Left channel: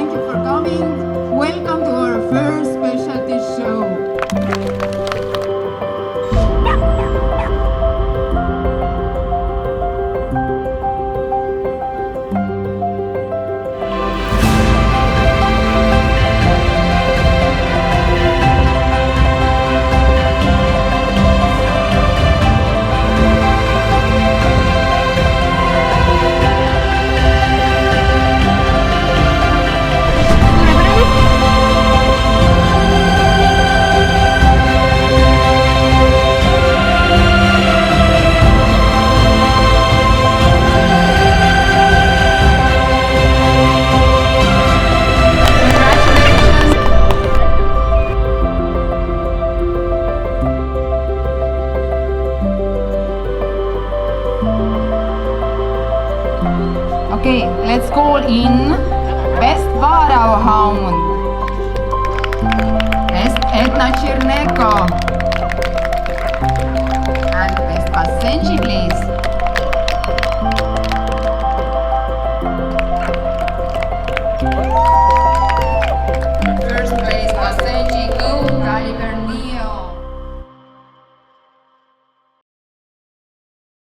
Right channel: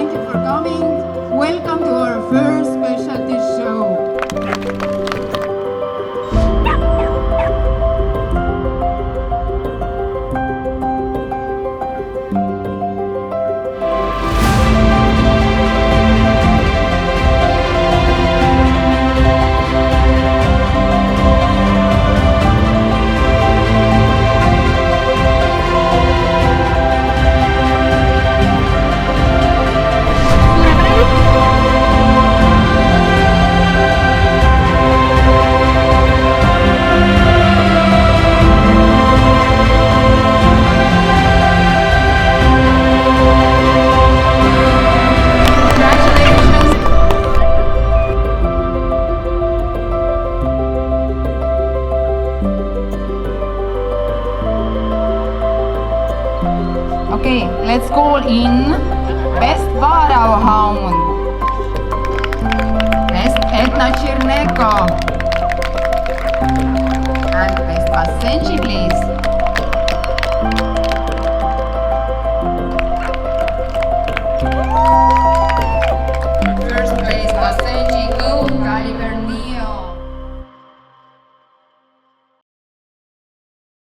thank you for coming. Welcome to our first specialty show. Congratulations. Okay, let's call in Best Varahound. Best Edna Chirneko. And Best Basenji, please.